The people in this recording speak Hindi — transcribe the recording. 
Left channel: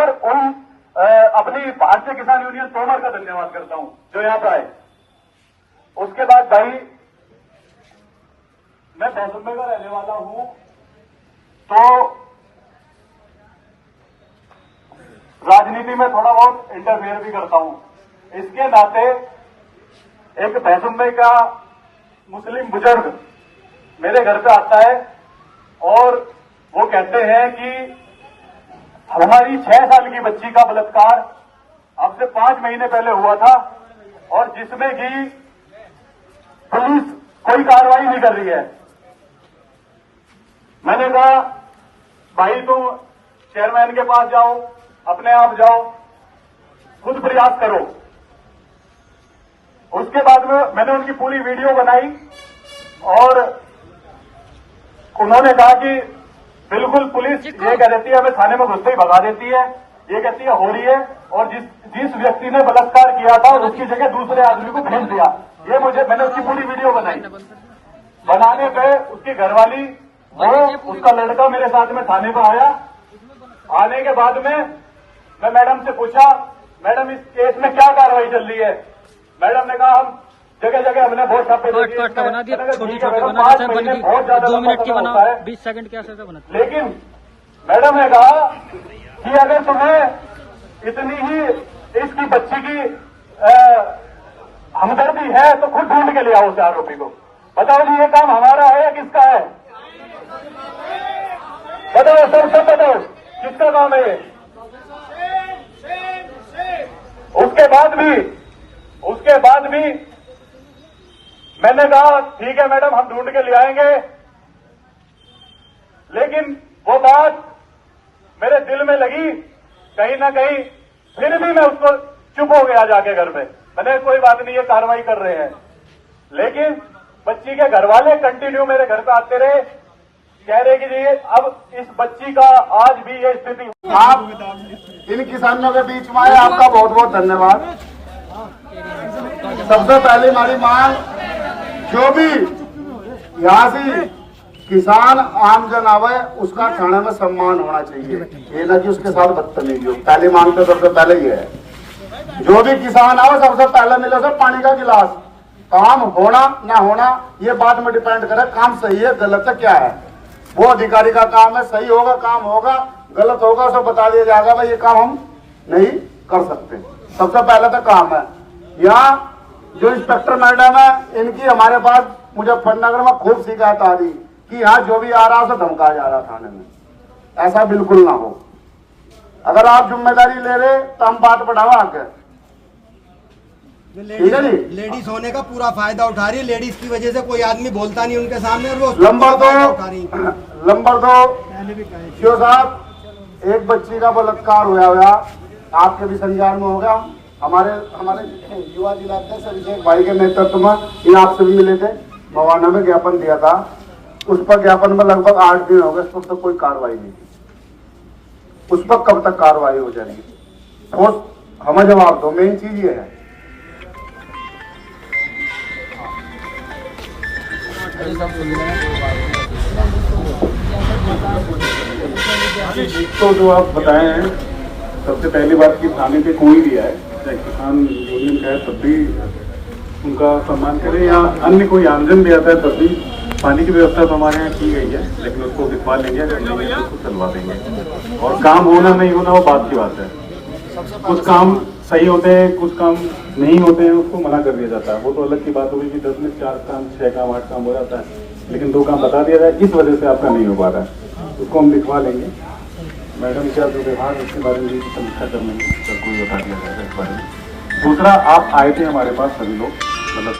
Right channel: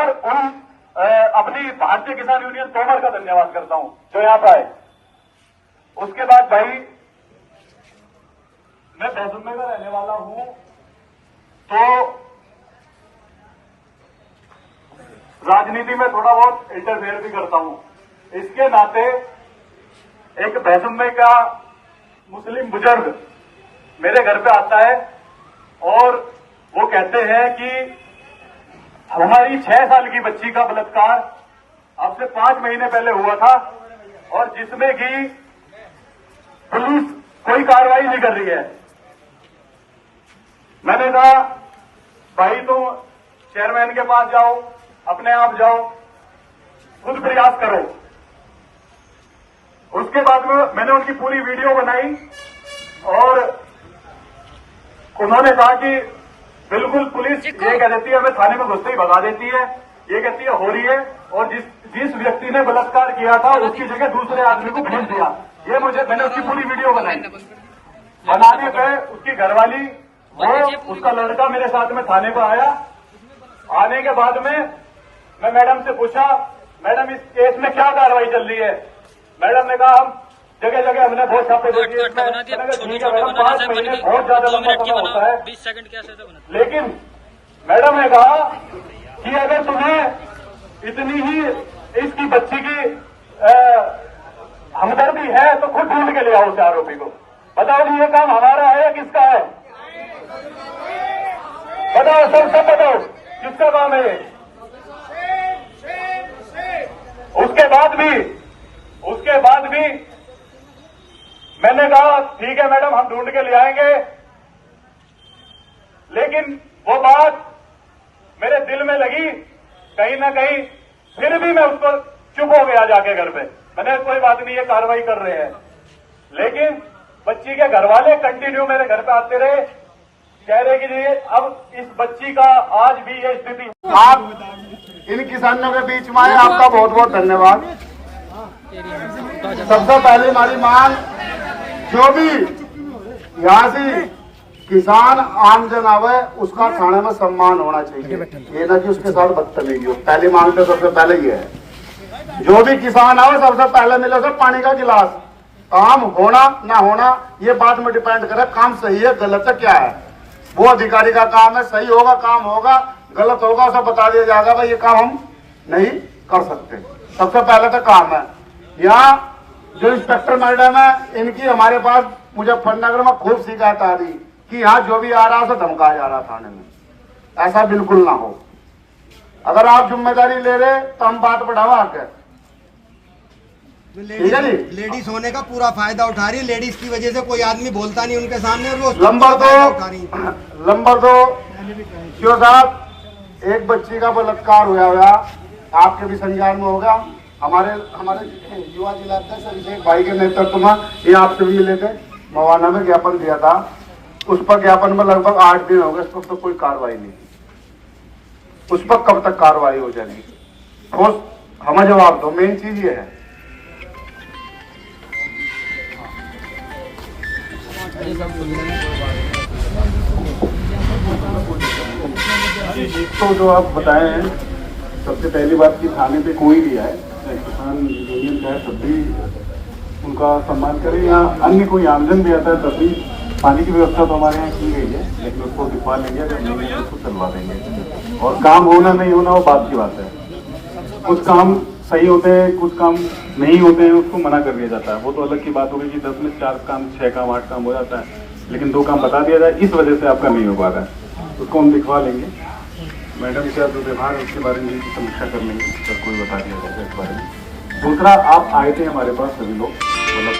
और उन अपनी भारतीय किसान यूनियन तोमर का धन्यवाद करता हूं जो यहां पर आए। उसके बाद भाई मैं भैंसुम्बे का रहने वाला हूं, तो राजनीति में थोड़ा बहुत इंटरफेयर भी करता हूं। इसके नाते एक भैंसुम्बे का मुस्लिम बुजुर्ग मेरे घर पे आता है और वो कहते हैं कि हमारी 6 साल की बच्ची का बलात्कार अब से 5 महीने पहले हुआ था और जिसमें कि पुलिस कोई कार्रवाई नहीं कर रही है। मैंने कहा भाई तुम चेयरमैन के पास जाओ, अपने आप जाओ, खुद प्रयास करो। उसके बाद में मैंने उनकी पूरी वीडियो बनाई और उन्होंने कहा कि बिल्कुल पुलिस ये कह देती है, हमें थाने में घुसते ही भगा देती है, ये कहती है हो रही है, और जिस व्यक्ति ने बलात्कार किया था उसकी जगह दूसरे आदमी को भेज दिया। ये मैंने उसकी पूरी वीडियो बनाई। बनाने पे उसकी घरवाली वो उसका लड़का मेरे साथ में थाने पर आया। आने के बाद में मैं मैडम से पूछा, मैडम इस केस में क्या कार्रवाई चल रही है? मैडम ने कहा हम जगह जगह हमने बहुत छापे दे दिए, बना दिया, छोटे छोटे बना दिया, बहुत ज्यादा 2 मिनट की बना, 20 सेकंड के ऐसे बना। लेकिन मैडम ने कहा कि अगर तुम्हें इतनी ही इसकी बच्ची की हमदर्दी है तो खुद ढूंढ के ले आओ उस आरोपी को। बताओ ये काम हमारा है या किसका है? बताओ सब बताओ किसका काम है ये? उसके बाद भी मैंने कहा ठीक है मैडम हम ढूंढ के ले आएंगे, लेकिन वो बात मेरे दिल में लगी कहीं ना कहीं। फिर भी मैं उसको चुप हो गया जाके घर पे। मैंने कोई बात नहीं, ये कार्रवाई कर रहे हैं। लेकिन बच्ची के घर वाले कंटिन्यू मेरे घर पे आते रहे, कह रहे कि जी अब इस बच्ची का आज भी ये स्थिति। आप इन किसानों के बीच में आए, आपका बहुत बहुत धन्यवाद। सबसे पहले हमारी मांग, जो भी यहाँ से किसान आमजन आवे उसका थाने में सम्मान होना चाहिए, ये ना कि उसके साथ बदतमीजी हो। पहली मांग तो सबसे पहले ये है, जो भी किसान आवे सबसे पहले मिलो से पानी का गिलास। काम होना ना होना ये बात में डिपेंड करे, काम सही है गलत है क्या है, वो अधिकारी का काम है। सही होगा काम होगा, गलत होगा सब बता दिया जाएगा, भाई ये काम हम नहीं कर सकते। सबसे पहले तो काम है। यहाँ जो इंस्पेक्टर मैडम है इनकी हमारे पास मुजफ्फरनगर में खूब शिकायत आ रही कि यहाँ जो भी आ रहा है उसे धमकाया जा रहा थाने में। ऐसा बिल्कुल ना हो। अगर आप जिम्मेदारी ले रहे तो हम बात बढ़ावा आके, ठीक है जी। लेडीज होने का पूरा फायदा उठा रही है, लेडीज की वजह से कोई आदमी बोलता नहीं उनके सामने, और वो नंबर 2 शिव साहब, एक बच्ची का बलात्कार हुआ आपके भी संज्ञान में होगा। हमारे युवा जिला अध्यक्ष अभिषेक भाई के नेतृत्व में ये आपसे भी लेके मवाना में ज्ञापन दिया था। उस पर ज्ञापन में लगभग 8 दिन हो गए, उस पर तो कोई कार्रवाई नहीं की। उस पर कब तक कार्रवाई हो जाएगी? ठोस हमें जवाब दो, मेन चीज ये है। तो जो आप बताए हैं, सबसे पहली बात की थाने पे कोई भी है, चाहे किसान यूनियन का है, तब भी उनका सम्मान करें, या अन्य कोई आमजन भी आता है तब भी पानी की व्यवस्था तो हमारे यहाँ की गई है, लेकिन उसको दिखवा लेंगे, उसको चलवा देंगे। और काम होना नहीं होना वो बात की बात है। कुछ काम सही होते हैं, कुछ काम नहीं होते हैं, उसको मना कर दिया जाता है। वो तो अलग की बात होगी कि 10 में 4 काम 6 काम 8 काम हो जाता है, लेकिन 2 काम बता दिया जाए इस वजह से आपका नहीं हो पा रहा है, उसको हम दिखवा लेंगे। मैडम का जो व्यवहार है उसके बारे में भी समीक्षा कर लेंगे, सर कोई बता दिया जाएगा इस बारे में। दूसरा, आप आए थे हमारे पास सभी लोग, मतलब